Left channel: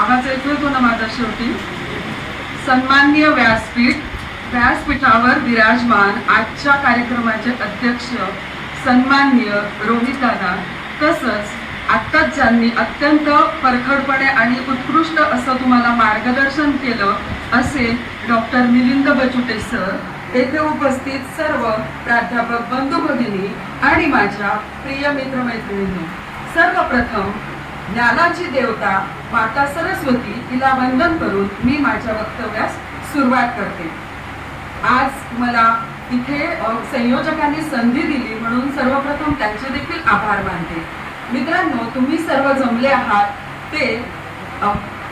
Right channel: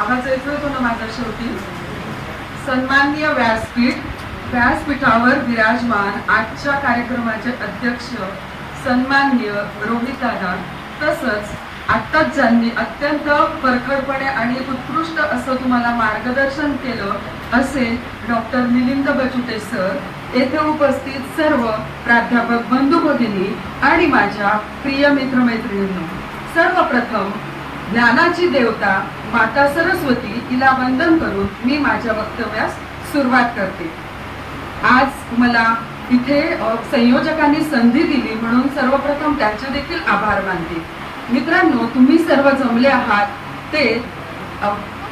आवाज येतोय तो ना माझा शेवटी? सन्माननीय व्यासपीठ व्यासपीठावर विराजमान आजच्या कार्यक्रमाचे अध्यक्ष सन्माननीय रोहित दादा. तसंच आत्ताच ज्यांनी अत्यंत परखडपणे आणि उत्कृष्ट असं तुम्हाला मार्गदर्शन केलं असे डॉक्टर मिलिंद बचुटे सर येथे उपस्थित सर्व प्राध्यापक बंधू भगिनी आणि माझ्या प्रिय मित्रमैत्रिणींनी. सर्वप्रथम ज्ञानाची देवता माता सरस्वती तिला वंदन करून मी माझ्या वक्तव्यास सुरुवात करते. आज मला तिथे संयोजकांनी संधी दिली म्हणून सर्वप्रथम त्यांचे देखील आभार मानते. मित्रांनो तुम्ही सर्व जमले आहात ते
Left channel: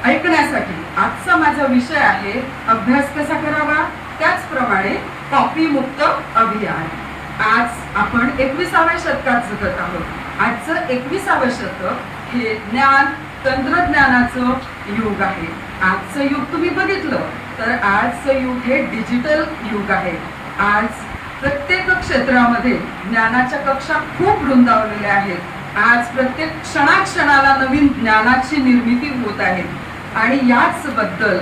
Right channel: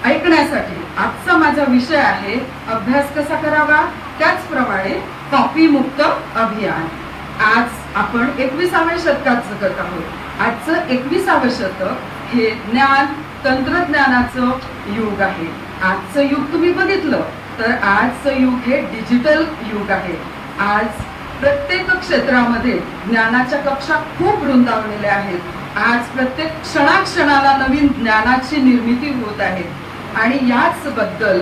ऐकण्यासाठी. आजचा माझा विषय आहे अभ्यास कसा करावा? त्याचप्रमाणे कॉपी मुक्त अभियान. आज आपण एकविसाव्या शतकात जगत आहोत. आजचं एकविसावं शतक हे ज्ञान तंत्रज्ञानाचं युग आहे. आजचं युग तुम्ही बघितलं तर आजचं युग हे डिजिटल युग आहे. आज प्रत्येक क्षेत्रामध्ये ज्ञानाच्या कक्षा खूप रुंदावलेल्या आहेत. आज प्रत्येक क्षणाक्षणाला नवीन ज्ञानाची निर्मिती होत आहे. आणि याच बद्दल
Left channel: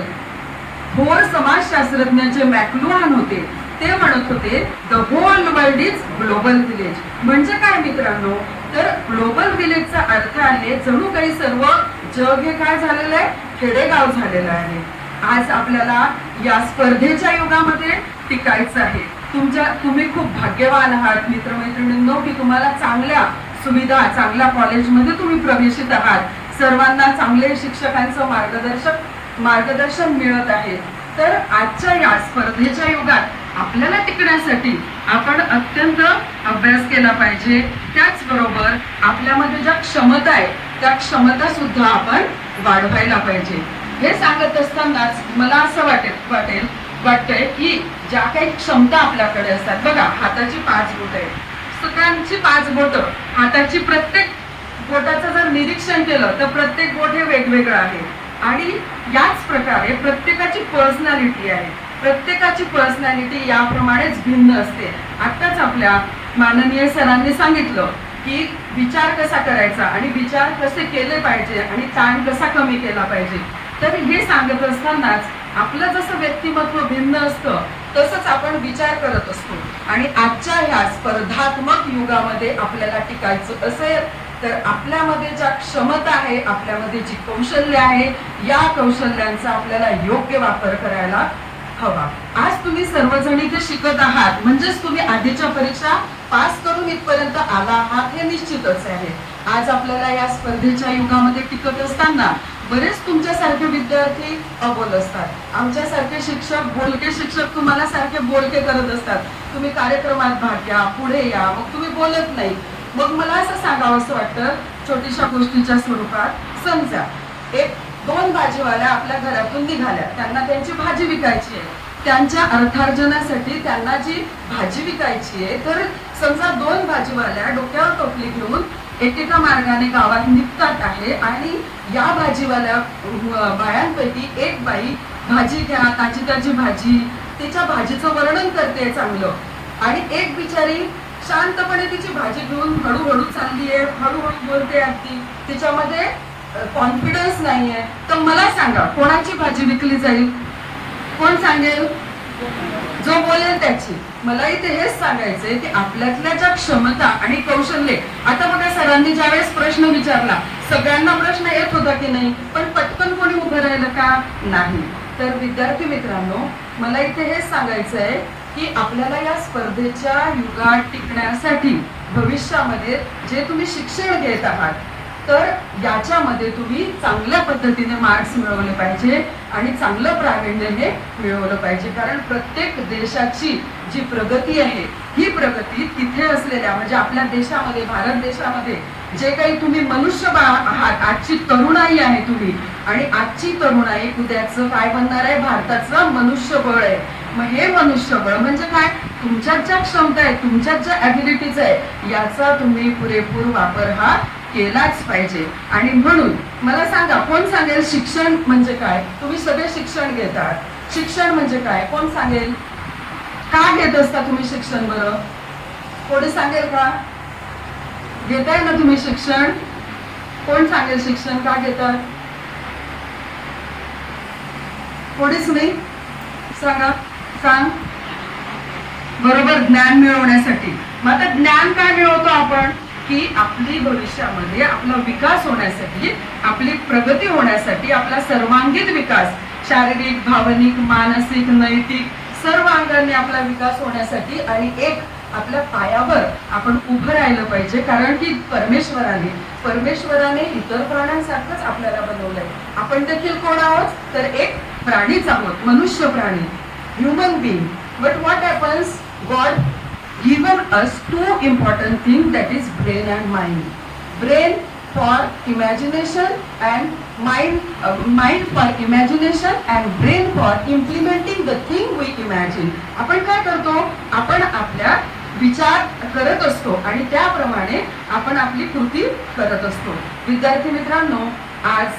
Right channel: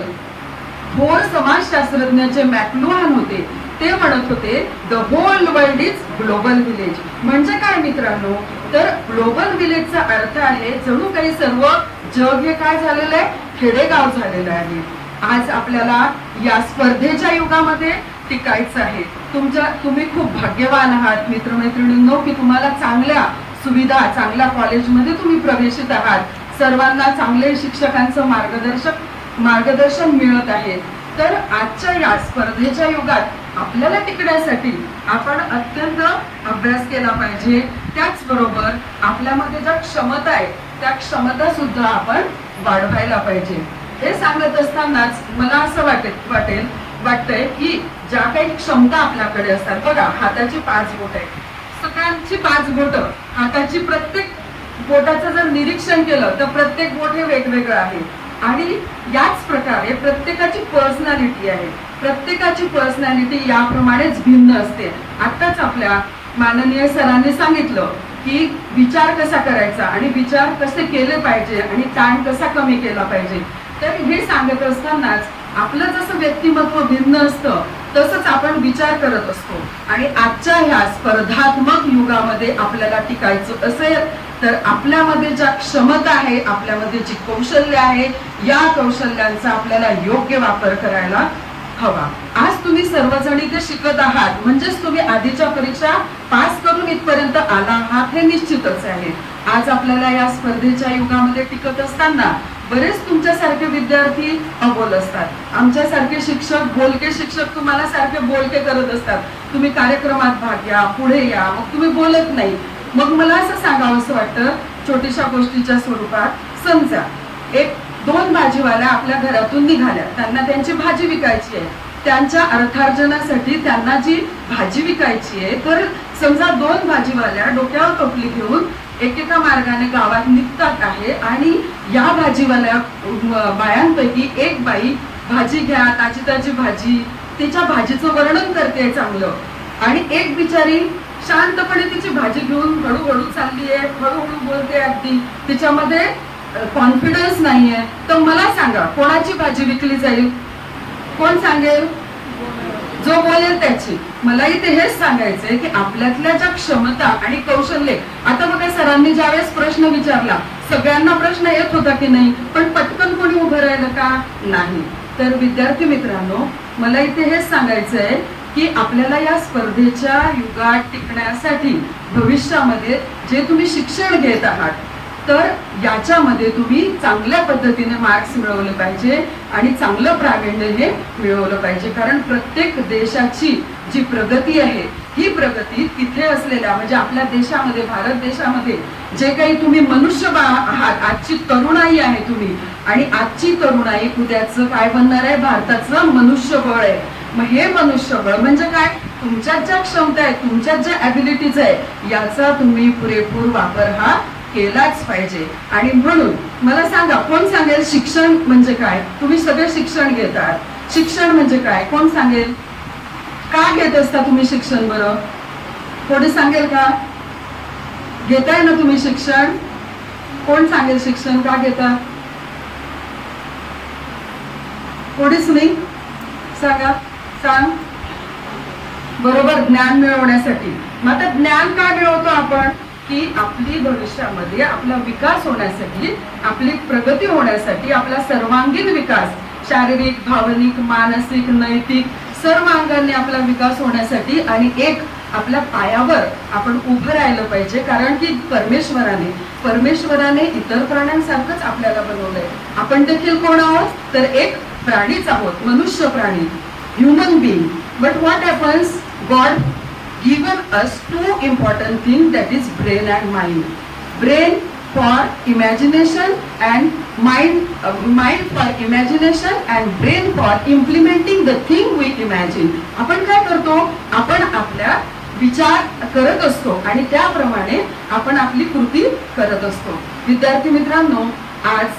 थोर समाजशास्त्रज्ञ जे मॅक्लुहान होते ते म्हणत होते the whole world is global village. म्हणजे काय मित्रांनो? तर ग्लोबल विलेजचा अर्थ आहे जणू काही सर्व जग हे काय झालेलं आहे? खेडेगाव झालेलं आहे. आज आपल्याला या स्पर्धेच्या युगामध्ये टिकायचं आहे. तुमच्या तुम्ही खूप भाग्यवान आहात मित्रमैत्रिणींनो की तुम्हाला चांगल्या सुविधा चांगल्या कॉलेजमध्ये तुम्ही प्रवेशित आहात. सर्वांना चांगले शिक्षकांचं मार्गदर्शक मार्गदर्शन मिळत आहे. तर आजच्या या स्पर्धेच्या युगात आपल्याला टिकण्यासाठी आपण अत्यंत अभ्यास केला पाहिजे. त्याचबरोबर आपल्यामध्ये ज्या क्षमता आहे त्या क्षमता सुद्धा आपण वाढवायला पाहिजे. हे सांगत असतानाच मला असं वाटेल वाटेल वाटतंय की ज्या काही क्षमता आपल्याकडे असतात बघा हाताची पाच बोट आहे सगळ्यांची पाच बोट हाताची प्रत्येक बोटाचं जर निरीक्षण केलं तर प्रत्येक बोट हे वेगवेगळं आहे. आणि याच प्रकारे प्रत्येकाची पर्सनॅलिटी आहे. प्रत्येकाची पर्सनॅलिटी याप्रमाणेच भिन्न असते. आताच आपल्या माननीय सरांनी सांगितलं की विचार कसा करायचा आणि विचार कसे केले पाहिजे आणि ताण कसा कमी केला पाहिजे. तर हे सांगत असतानाच आपलं जसं व्यक्तिमत्व भिन्न असतं तसंच आपण विचार करत असतो. आणि आजच्या ह्या स्पर्धात्मक युगामध्ये आपल्याला टिकायचं असेल तर आपल्यामध्ये ज्या क्षमता आहे आपल्यामध्ये जी कौशल्य आहे या कौशल्यांचा आपल्याला योग्य वापर करायला हवा. आज तुम्ही सर्वजण इथे शिकत आहात. म्हणजेच तुम्ही आधीच्या परीक्षा पास करून इथपर्यंत आला आहात हे निश्चितच आहे. आज आपल्याला या स्पर्धेच्या युगामध्ये टिकत असताना बरेच तुमच्यासारखे विद्यार्थी अबोल असतात. आमच्यासारखे शिक्षक बोलके शिक्षक तुम्हाला सारखे बोलके करत असतात. तुम्ही कार्यक्रमात भाग घ्या पुढे या मग तुम्ही बोलत नाही. मग मला असं सांगावं असं वाटतं छोट्याशा गोष्टीच्या स्वरूपात समजा एक दोन भाजीवाल्या आपल्या घरातून निघाल्या. त्यांना त्यांची भाजी विकायची आहे. त्यांच्या अर्थार्जनासाठी त्यांना जी भाजी विकायची आहे तर समजा दोन भाजीवाल्या डोक्यावर टोपली घेऊन एकेका मार्गाने गावात निघतात आहे आणि या भाजीवाल्या बायांपैकी एक बाई भाजी घ्या ताजी ताजी भाजी तिच्या भाजीचं वर्णन करते चांगलं. आणि एक बिचारी शांतपणे तिची भाजी घेऊन हळूहळू चालली आहे हळूहळू बोलते अगदी तिच्यामध्ये कॉन्फिडन्स नाहीये. तर मला सांगा कोणाची भाजी विकली जाईल? कोण सांगेल? जो बोलेल त्याची. मला इथे हेच सांगायचंय की आपल्यातल्या ज्या क्षमता आणि कौशल्य आता बघा सरांनी ज्यावेळेस प्रश्न विचारला सगळ्यांना प्रश्न येत होता की नाही पण पटकन कोणी उभं राहिलं का? नाही. तर विद्यार्थी मित्रांनो मला इथे हेच सांगायचंय की आपल्याला या स्पर्धेच्या युगात टिकण्यासाठी भविष्यामध्ये जे तुम्ही शिक्षण घेत आहात तर याच्यामध्ये तुम्ही चांगल्या पद्धतीने मार्क्स मिळवले पाहिजे आणि चांगलं प्रावीण्य हे मिळवलं पाहिजे. कारण प्रत्येक देशाची जी प्रगती आहे ही प्रगती तिथे असलेल्या म्हणजे आपल्या देशामध्ये भारत देशामध्ये जे काही तुम्ही मनुष्यबळ आहात आजची तरुणाई आहे तुम्ही. आणि आजची तरुणाई उद्याचं काय बनणार आहे? भारताचं मनुष्यबळ आहे. मग हे मनुष्यबळ म्हणजे काय? तुमच्यात ज्या क्षमता आहेत तुमच्यात ज्या ॲबिलिटीज आहे याचा तुम्ही पुरेपूर वापर हा केलाच पाहिजे. आणि म्हणून मला सांगा कोण सांगेल शिक्षण म्हणजे काय? तुम्ही सगळे शिक्षण घेतात. शिक्षण म्हणजे काय? कोण सांगेल? का घेत असता तुम्ही शिक्षण बरं? कोणी सांगेल का? घेताय ना तुम्ही शिक्षण? कोण सांगेल शिक्षण? का घेतात? कोणीच नाही? सांगा. सांग. बरोबर ज्ञान मिळवण्यासाठी. मग आता ज्ञान काय मिळवतो आपण? की आपली भविष्यामध्ये आपला विकास होण्यासाठी आपली प्रगती होण्यासाठी आपला सर्वांगीण विकास शारीरिक भावनिक मानसिक नैतिक सर्व अंगांनी आपला विकास होण्यासाठी आणि एक आपल्या पायावर आपण उभं राहिलं पाहिजे. कारण की परमेश्वराने परमेश्वराने इतर प्राण्यांसारखंच आपल्याला बनवलंय. आपण देखील कोण आहोत? तर एक प्राणीच आहोत मनुष्य प्राणी human being. But what happens god given us two important things that is brain and mind. Brain for imagination and mind, uh, mind for imagination and brain for implementing the thing we imagine. आपण काय करतो आपण आपल्या विचार करत असतो आणि त्याप्रमाणे आपण आपली कृती करत असतो विद्यार्थी मित्रांनो आज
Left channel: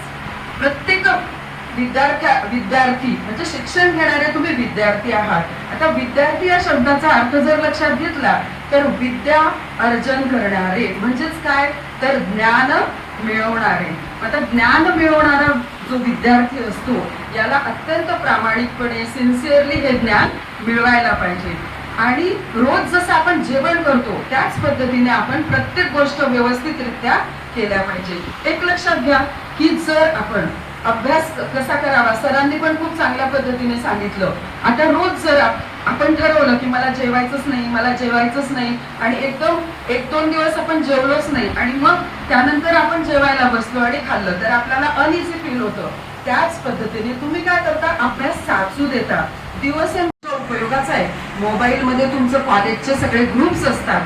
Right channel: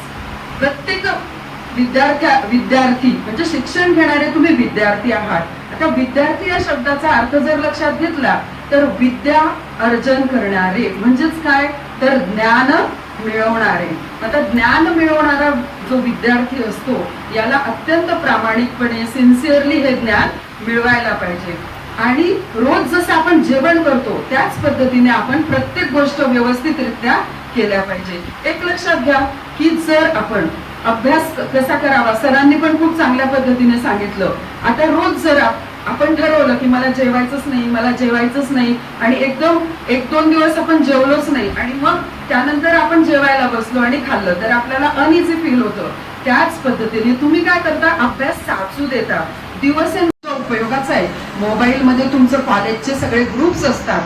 प्रत्येक विद्यार्थ्या विद्यार्थी म्हणजे शिक्षण घेणारे तुम्ही विद्यार्थी आहात. आता विद्यार्थी या शब्दाचा अर्थ जर लक्षात घेतला तर विद्या अर्जन करणारे म्हणजेच काय? तर ज्ञान मिळवणारे. आता ज्ञान मिळवणारा जो विद्यार्थी असतो याला अत्यंत प्रामाणिकपणे सिन्सिअरली हे ज्ञान मिळवायला पाहिजे. आणि रोज जसं आपण जेवण करतो त्याच पद्धतीने आपण प्रत्येक गोष्ट व्यवस्थितरित्या केल्या पाहिजे. एक लक्षात घ्या की जर आपण अभ्यास कसा करावा? सरांनी पण खूप चांगल्या पद्धतीने सांगितलं. आता रोज जर आपण ठरवलं की मला जेवायचंच नाही मला जेवायचंच नाही आणि एकदम एक दोन दिवस आपण जेवलोच नाही आणि मग त्यानंतर आपण जेवायला बसलो आणि खाल्लं तर आपल्याला अनइझी फील होतं. त्याच पद्धतीने तुम्ही काय करता? अभ्यास साचू देता. दिवस उपयोगाचा आहे. मोबाईल मध्ये तुमचं कॉलेजचे सगळे ग्रुप्स असतात.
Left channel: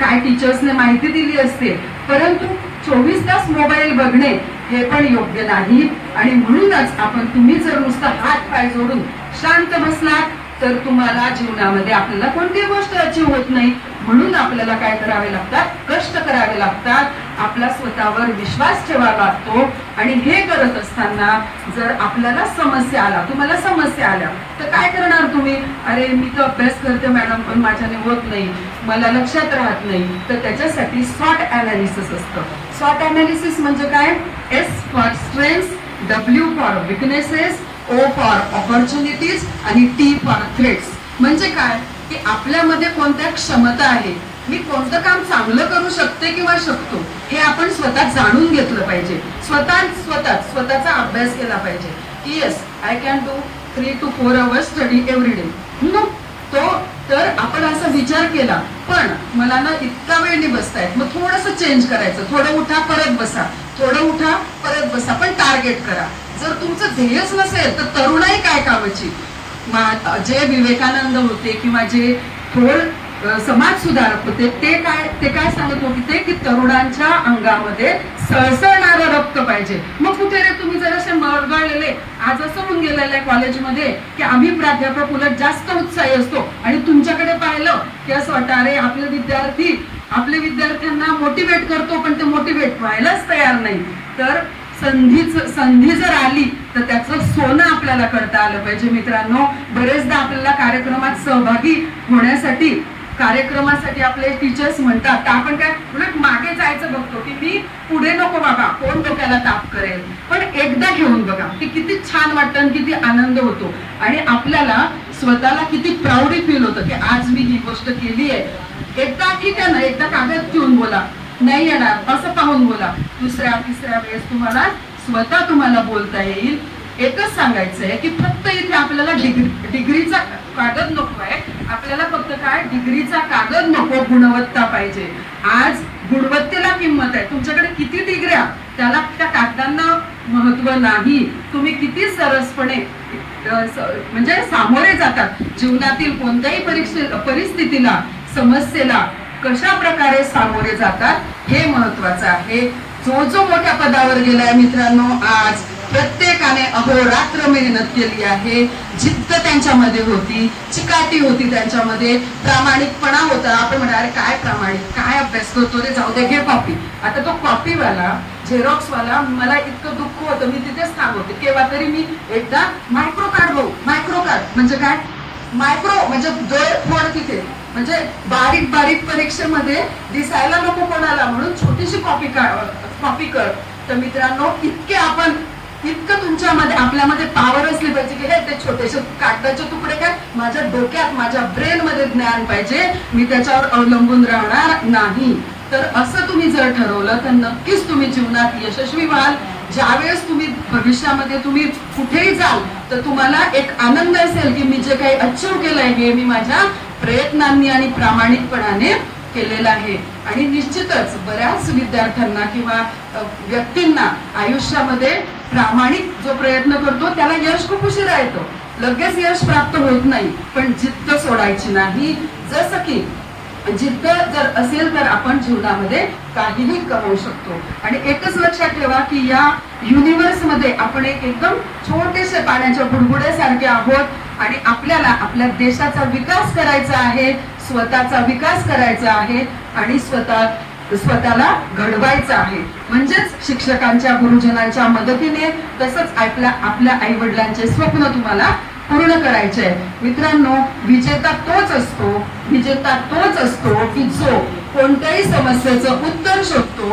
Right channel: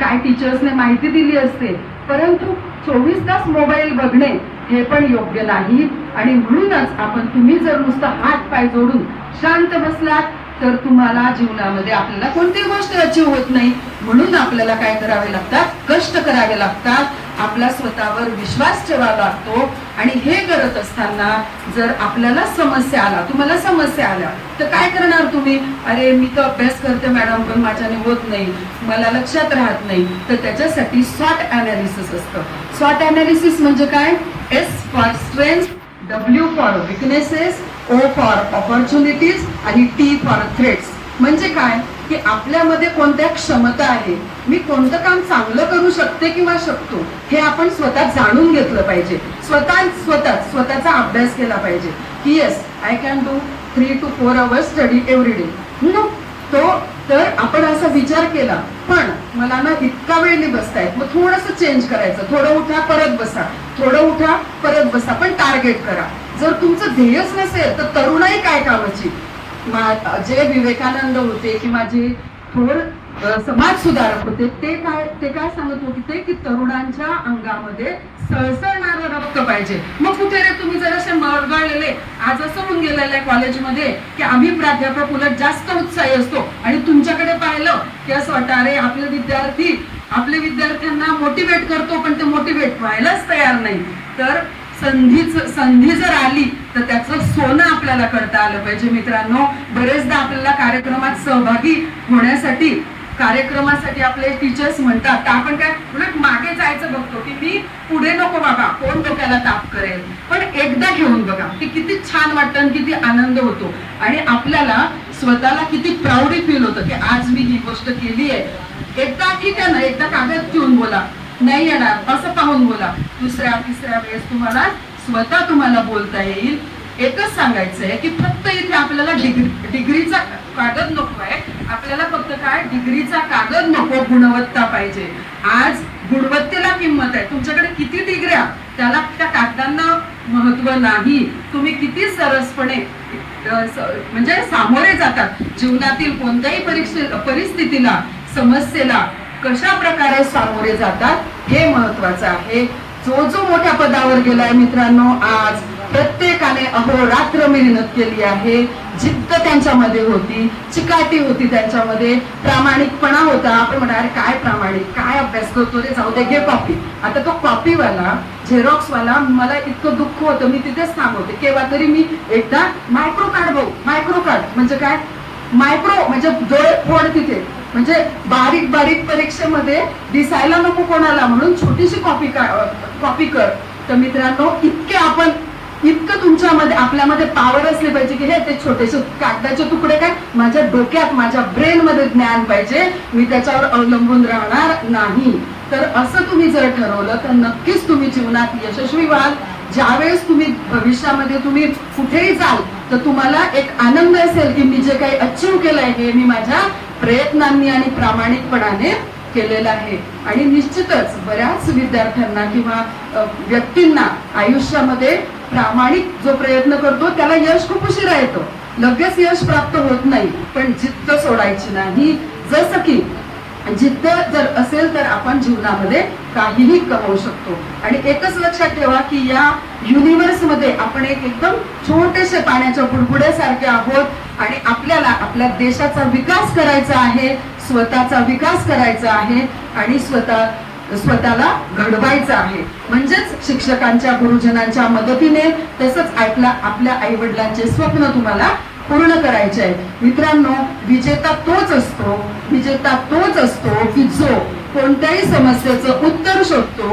काय टीचर्सने माहिती दिली असते. परंतु चोवीस तास मोबाईल बघणे हे पण योग्य नाही. आणि म्हणूनच आपण तुम्ही जर नुसतं हात पाय जोडून शांत बसलात तर तुम्हाला जीवनामध्ये आपल्याला कोणतीही गोष्ट अचीव होत नाही. म्हणून आपल्याला काय करावे लागतात? कष्ट करावे लागतात. आपला स्वतःवर विश्वास ठेवावा लागतो. आणि हे करत असताना जर आपल्याला समस्या आला तुम्हाला समस्या आल्या तर काय करणार तुम्ही? अरे मी तर अभ्यास करते मॅडम पण माझ्याने होत नाही. मला लक्षात राहत नाही. तर त्याच्यासाठी स्वॉट अनालिसिस असतं. स्वॉट अनालिसिस म्हणजे काय? S for strength W for weaknesses O for opportunities आणि टी फॉर थ्रेट्स म्हणजे काय? की आपल्यामध्ये कोणत्या क्षमता आहे? मी कोणतं काम चांगलं करू शकते किंवा शकतो? हे आपण स्वतः जाणून घेतलं पाहिजे. स्वतः स्वतः स्वतःचा अभ्यास केला पाहिजे. की yes I can do three two four hours study every day तो तर आपण असा विचार केला. पण मला ना इतका वेळ नाही बसतायत मग थोडस चेंज करायचं. थोडं उठा परत बसा. थोडं उठा परत बसा. पण टार्गेट करा. जर तुमचं ध्येयच नसेल तर तरुणाई काय कामाची? जे विवेकानंद होते किंवा जे थोर समाज सुधारक होते ते काय ते काय सांगत होते ते की तरुणांच्या अंगामध्ये सळसळणारं रक्त पाहिजे. मग कुठे रे तुम्ही जर असे मरगळलेले आज असं होऊन गेलेलं आहे कॉलेजमध्ये की आम्ही प्राध्यापक उलट जास्त उत्साही असतो. आणि तुमच्याकडे पाहिलं की असं वाटतं अरे आपले विद्यार्थी आपले विद्यार्थ्यांना मोटिवेट करतो पण ते मोटिवेट व्हायलाच तयार नाही. तर संधीच संधी जर आली तर त्याचं सोनं आपल्याला करता आलं पाहिजे. मित्रांनो बरेचदा आपल्याला कार्यक्रमात सहभागी होण्यासाठी कार्यक्रमासाठी आपले टीचर्स म्हणतात तर आपण काय उलट मागे जायचं बघतो की मी पुढे नको बाबा कोण डोक्याला ताप करेल? पण एकदा घेऊन बघा की किती छान वाटतं आणि किती आनंद होतो. आणि आपल्याला स्वतःला किती प्राऊडी फील होतं की आज मी ही गोष्ट केली आहे एकदा ठीक आहे ना एकदा कागद घेऊन बोला. नाही येणार असं पाहून बोला. दुसऱ्या तिसऱ्या वेळेस तुम्हाला स्वतः तुम्हाला बोलता येईल. एकच सांगायचं आहे की फक्त इथे आपल्याला डिग्री डिग्रीचा कागद नको आहे. आपल्याला फक्त काय? डिग्रीचा कागद नको गुणवत्ता पाहिजे. आज गुणवत्तेला किंमत आहे. तुमच्याकडे किती डिग्र्या त्याला त्या कागदांना महत्त्व नाही. तुम्ही किती सरसपणे म्हणजे सामोरे जातात. जीवनातील कोणत्याही परीक्षे परिस्थितीला समस्येला कशा प्रकारे सामोरे जातात हे महत्वाचं आहे. जो जो मोठ्या पदावर गेलाय मित्रांनो आज प्रत्येकाने अहोरात्र मेहनत केली आहे. जिद्द त्यांच्यामध्ये होती चिकाटी होती त्यांच्यामध्ये प्रामाणिकपणा होता. आपण म्हणणार काय प्रामाणिक काय अभ्यास करतो? रे जाऊ दे घे कॉपी आता तो कॉपीवाला झेरॉक्स वाला मला इतकं दुःख होतं. मी तिथेच सांगते केव्हा तरी मी एकदा मायक्रो कार्ड भाऊ मायक्रो कार्ड म्हणजे काय? मायक्रो म्हणजे दर फोड तिथे म्हणजे बारीक बारीक परीक्षेमध्ये दिसायला नको कोणाला म्हणून छोटीशी कॉपी कॉपी कर. तर मित्रांनो इतके आपण इतकं तुमच्यामध्ये आपल्यामध्ये आपल्यामध्ये पावर असली पाहिजे की हे ते छोटेसे कागदाचे तुकडे काय माझ्या डोक्यात माझ्या ब्रेन मध्ये ज्ञान पाहिजे. मी त्याच्यावर अवलंबून राहणार नाही. तर असं तुम्ही जर ठरवलं तर नक्कीच तुम्ही जीवनात यशस्वी व्हाल. ज्यावेळेस तुम्ही भविष्यामध्ये तुम्ही कुठेही जाल तर तुम्हाला एक आनंद असेल की मी जे काही अचीव केलंय हे मी माझ्या प्रयत्नांनी आणि प्रामाणिकपणाने केलेलं आहे. आणि निश्चितच बऱ्याच विद्यार्थ्यांना किंवा व्यक्तींना आयुष्यामध्ये प्रामाणिक जो प्रयत्न करतो त्याला यश खूप उशिरा येतो. लगेच यश प्राप्त होत नाही पण जिद्द सोडायची नाही. जसं की जिद्द जर असेल तर आपण जीवनामध्ये काहीही कमवू शकतो. आणि एकच लक्षात ठेवा की या युनिव्हर्समध्ये आपण एक एकदम छोटेसे पाण्याच्या बुडबुड्यासारखे आहोत आणि आपल्याला आपल्या देशाचा विकास करायचा आहे स्वतःचा विकास करायचा आहे आणि स्वतः स्वतःला घडवायचं आहे. म्हणजेच शिक्षकांच्या गुरुजनांच्या मदतीने तसंच आपल्या आपल्या आई वडिलांचे स्वप्न तुम्हाला पूर्ण करायचे आहे मित्रांनो विजेता तोच असतो विजेता तोच असतो की जो कोणत्याही समस्येचं उत्तर शोधतो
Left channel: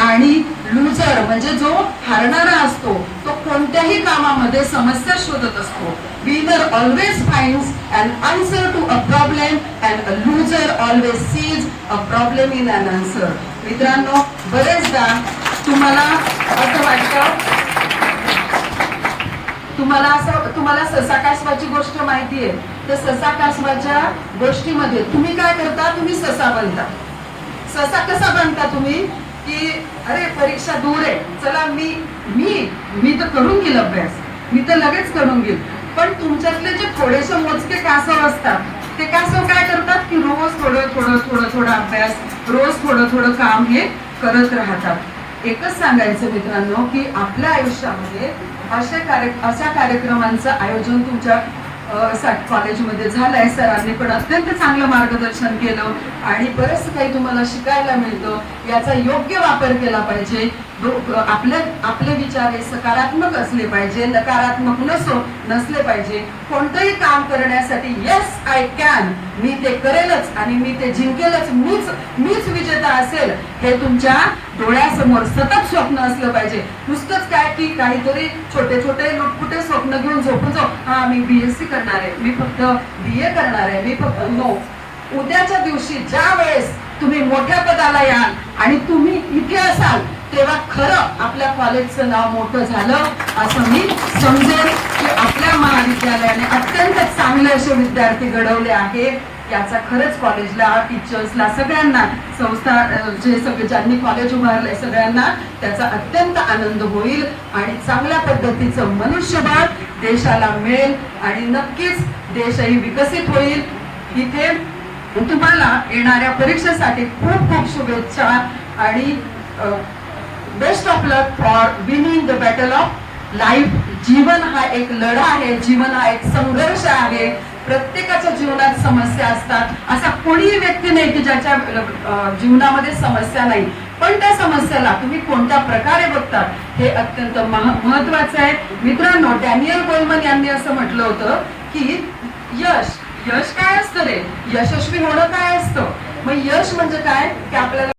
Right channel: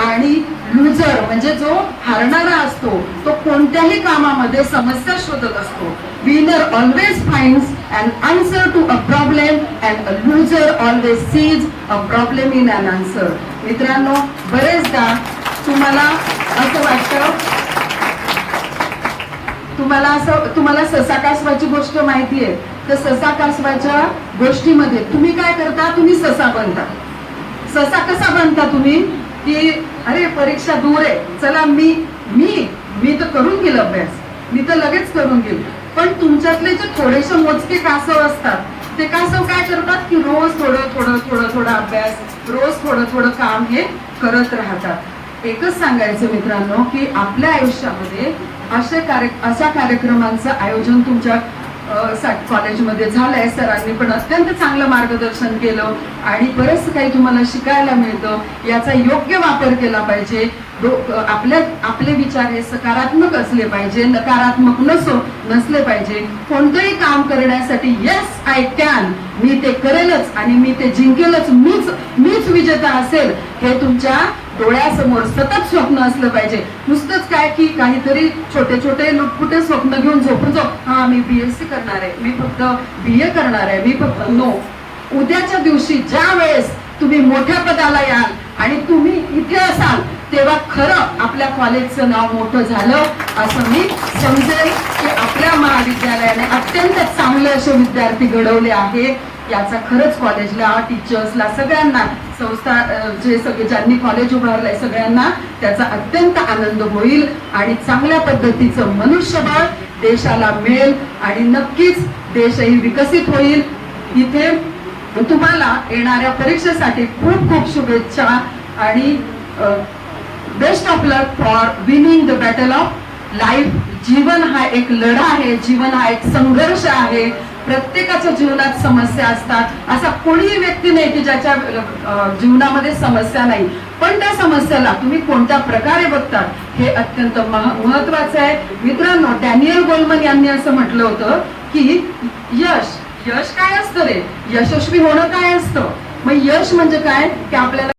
आणि लुझर म्हणजे जो हारणारा असतो तो कोणत्याही कामामध्ये समस्या शोधत असतो. Winner always finds and answer to a problem and a loser always sees a problem in an answer मित्रांनो बरेचदा तुम्हाला असं वाटतं तुम्हाला असं तुम्हाला ससा कासवाची गोष्ट माहिती आहे. तर ससा कासवाच्या गोष्टीमध्ये तुम्ही काय करता? तुम्ही ससा बनता ससा कसा बनता तुम्ही? की अरे परीक्षा दूर आहे. चला मी मी मी तर करून घेईल अभ्यास. मी तर लगेच करून घेईल. पण तुमच्यातले जे थोडेसे मोजके कासव असतात ते कासव काय करतात? की रोज थोडं थोडं थोडं थोडं अभ्यास रोज थोडं थोडं काम हे करत राहतात. एकच सांगायचं मित्रांनो की आपल्या आयुष्यामध्ये अशा कार्य अशा कार्यक्रमांचं आयोजन तुमच्या कॉलेजमध्ये झालंय. सरांनी पण अत्यंत चांगलं मार्गदर्शन केलं आणि बरंच काही तुम्हाला शिकायला मिळतं. याचा योग्य वापर केला पाहिजे. आपल्या आपले विचार हे सकारात्मक असले पाहिजे नकारात्मक नसो नसले पाहिजे. कोणतंही काम करण्यासाठी येस आय कॅन मी ते करेलच आणि मी ते जिंकेलच. मीच मीच विजेता असेल हे तुमच्या डोळ्यासमोर सतत स्वप्न असलं पाहिजे. नुसतंच काय की काहीतरी छोटे छोटे लुटपुटे स्वप्न घेऊन झोपून जाऊ. हा मी बीएससी करणार आहे. मी फक्त बी ए करणार आहे. मी फक्त नो. उद्याच्या दिवशी ज्या वेळेस तुम्ही मोठ्या पदाला याल आणि तुम्ही इथे असाल तेव्हा खरं आपल्या कॉलेजचं नाव मोठं झालं असं मी समजेल की आपल्या महाविद्यालयाने अत्यंत चांगले असे विद्यार्थी घडवले आहे. याचा खरंच कॉलेजला टीचर्सला सगळ्यांना संस्था जे सगळे ज्यांनी कॉलेज उभारलंय सगळ्यांना त्याचा अत्यंत आनंद होईल आणि चांगल्या पद्धतीचं मनुष्यबळ देशाला मिळेल आणि नक्कीच देशही विकसित होईल. इथे तुम्हाला येणाऱ्या परीक्षेसाठी खूप खूप शुभेच्छा आणि best of luck for winning the battle of life. जीवन हा एक लढा आहे जीवन हा एक संघर्ष आहे. प्रत्येकाच्या जीवनात समस्या असतात. असा कोणीही व्यक्ती नाही की ज्याच्या जीवनामध्ये समस्या नाही. पण त्या समस्याला तुम्ही कोणत्या प्रकारे बघता हे अत्यंत महत्वाचं आहे. मित्रांनो डॅनियल गोल्मन यांनी असं म्हटलं होतं की यश यश काय असतं रे? यशस्वी होणं काय असतं? मग यश म्हणजे काय? की आपल्याला